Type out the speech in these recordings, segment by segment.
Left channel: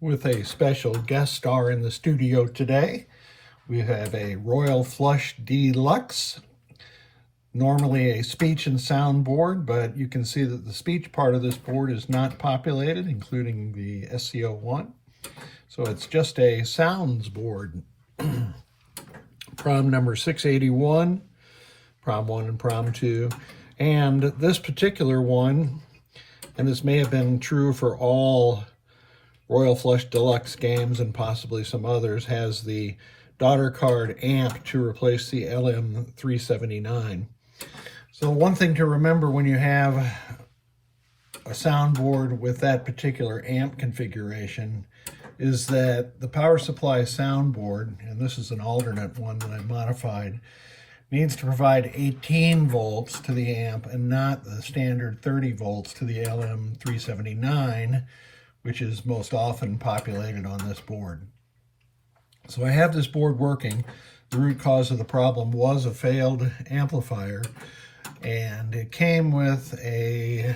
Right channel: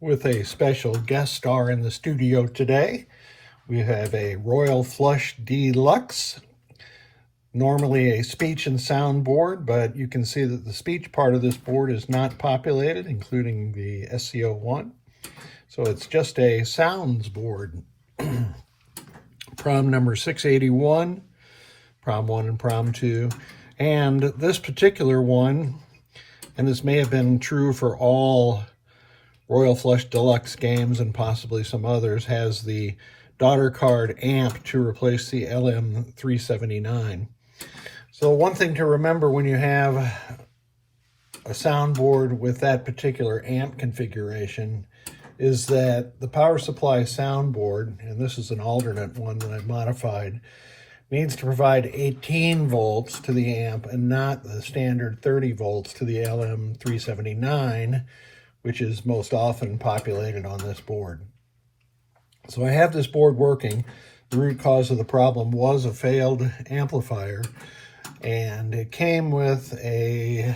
with a special guest star in the studio today. We have a Royal Flush Deluxe, normally a speech and sound board, but you can see that the speech part of this board is not populated, including the SCO1. So it's just a sounds board. Prom number 681, Prom 1 and Prom 2. And this particular one, and this may have been true for all Royal Flush Deluxe games and possibly some others, has the daughter card amp to replace the LM379. So one thing to remember when you have a soundboard with that particular amp configuration is that the power supply soundboard, and this is an alternate one that I modified, needs to provide 18 volts to the amp and not the standard 30 volts to the LM379, which is most often populated on this board. So I have this board working. The root cause of the problem was a failed amplifier, and it came with a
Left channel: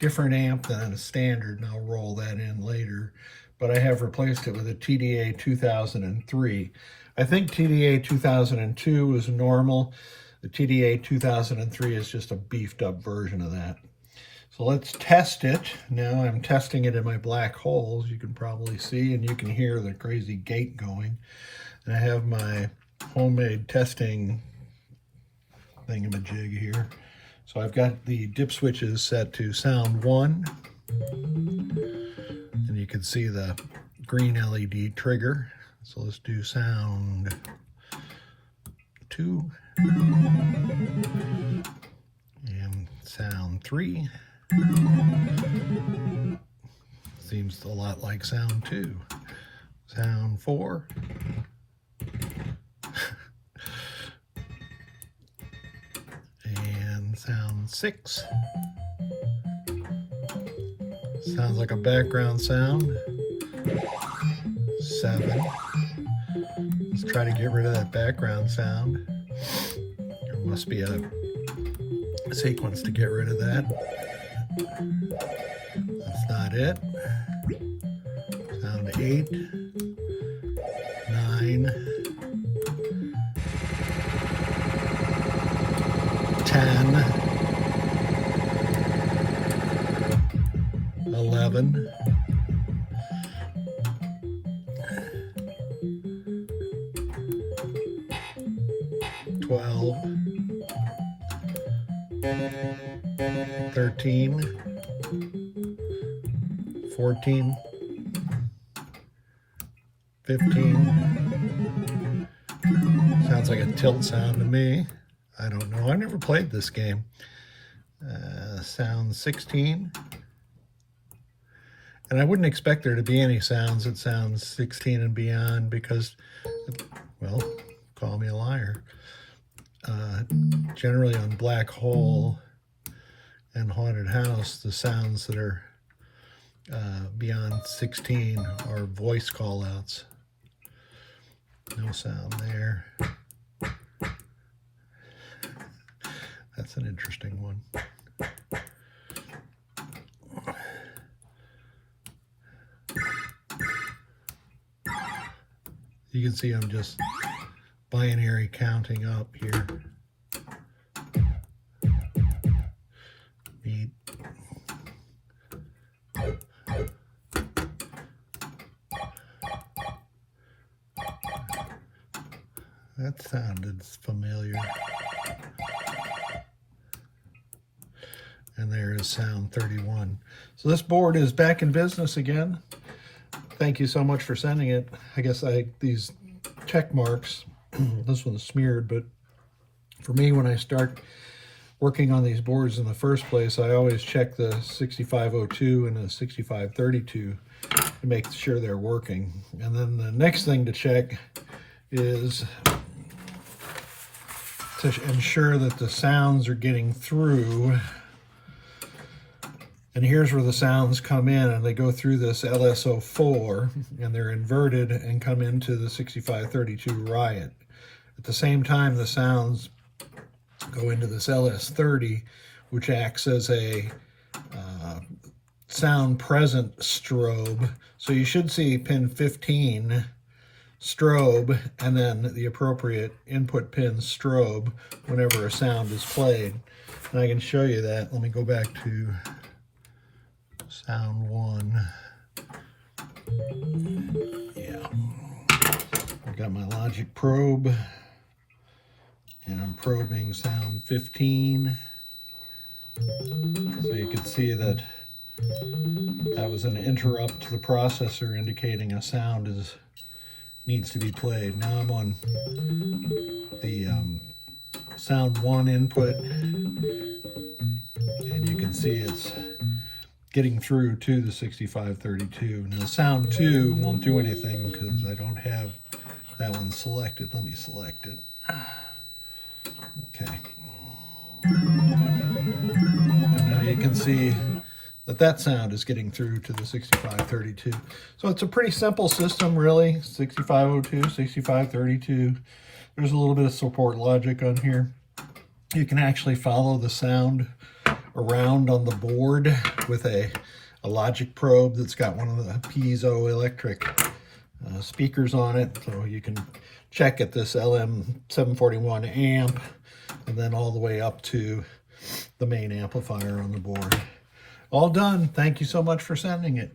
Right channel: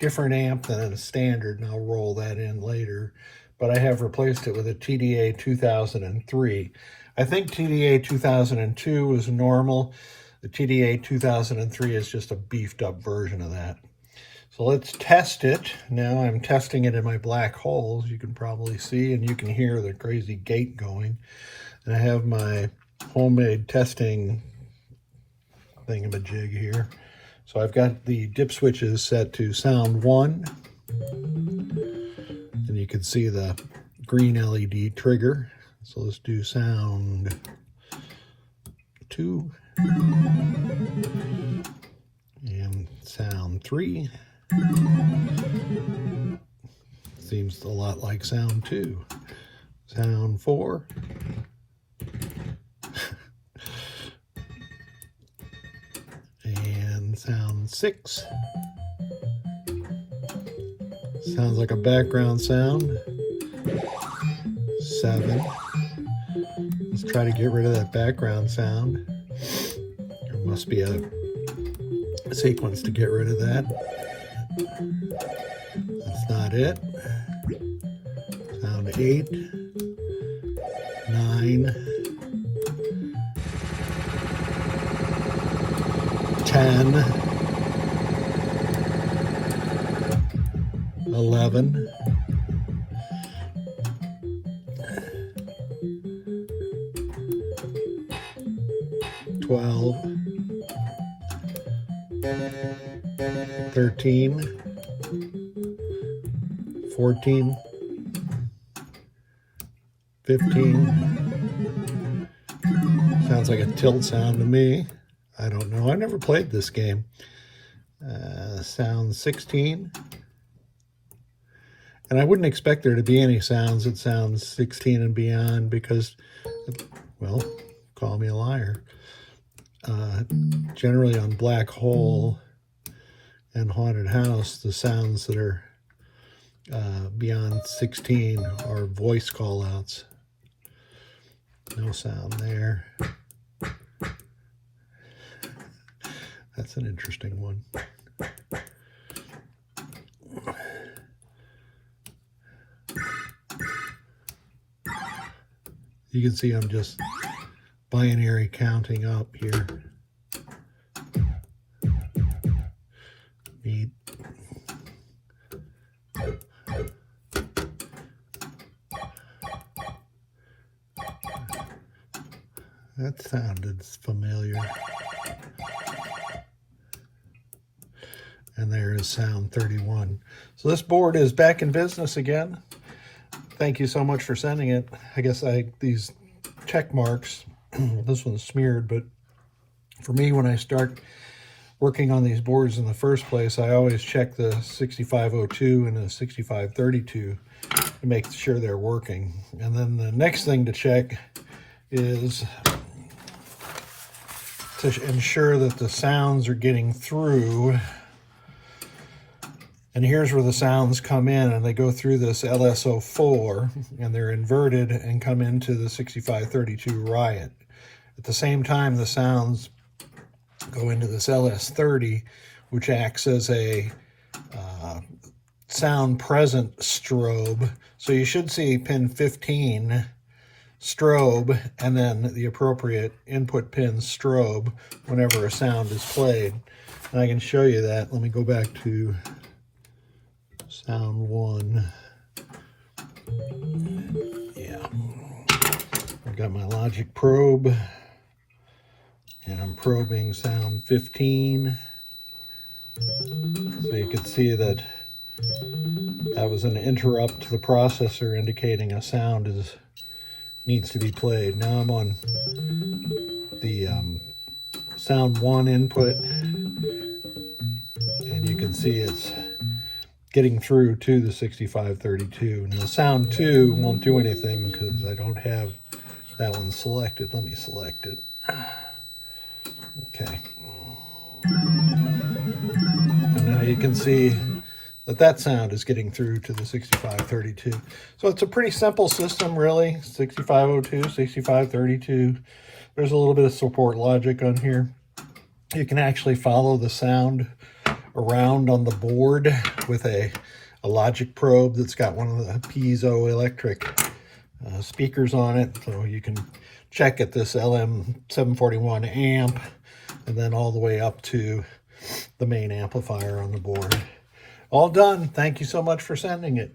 different amp than standard, and I'll roll that in later, but I have replaced it with a TDA 2003. I think TDA 2002 is normal. The TDA 2003 is just a beefed up version of that. So let's test it. Now I'm testing it in my black holes, you can probably see, and you can hear the crazy gate going. And I have my homemade testing thingamajig here. So I've got the dip switches set to sound 1. And you can see the green LED trigger. So let's do sound 2. And sound 3. Seems a lot like sound 2. Sound 4. And sound 6. Sounds like a background sound. 7. Let's try to get rid of that background sound. There must be a sequence to get rid of that. That's not it. Sound 8, 9, 10, 11, 12, 13, 14, 15. Sounds like a tilt sound to me. I don't know. I've never played this game. Sound 16. And I wouldn't expect there to be any sounds that sound 16 and beyond because, well, call me a liar. Generally on Black Hole and Haunted House, the sounds that are beyond 16 are voice call-outs. No sound there. That's an interesting one. You can see I'm just binary counting up here. Neat. That sounded familiar. And there is sound 31. So this board is back in business again. Thank you so much for sending it. I guess these check marks, this one's smeared, but for me, when I start working on these boards in the first place, I always check the 6502 and the 6532 to make sure they're working. And then the next thing to check is to ensure that the sounds are getting through. And here's where the sounds come in, and they go through this LSO4, and they're inverted and come into the 6532 Riot. At the same time, the sounds go into this LS30, which acts as a sound present strobe. So you should see pin 15 strobe and then the appropriate input pin strobe whenever a sound is played. And I can show you that. Let me go back to sound 1. Yeah, I've got my logic probe and I'm probing sound 15. So you can see that that was an interrupt to the processor indicating a sound needs to be played. Now I'm on the sound 1 input, and you can see it's getting through to the 6532. Now sound 2 won't do anything because I don't have that one selected. Let me select it. Okay. And now you can see that sound is getting through to the 6532. So it's a pretty simple system, really. 6502, 6532. There's a little bit of support logic on here. You can actually follow the sound around on the board with a logic probe that's got one of the piezoelectric speakers on it. So you can check at this LM741 amp and then all the way up to the main amplifier on the board. All done. Thank you so much for sending it.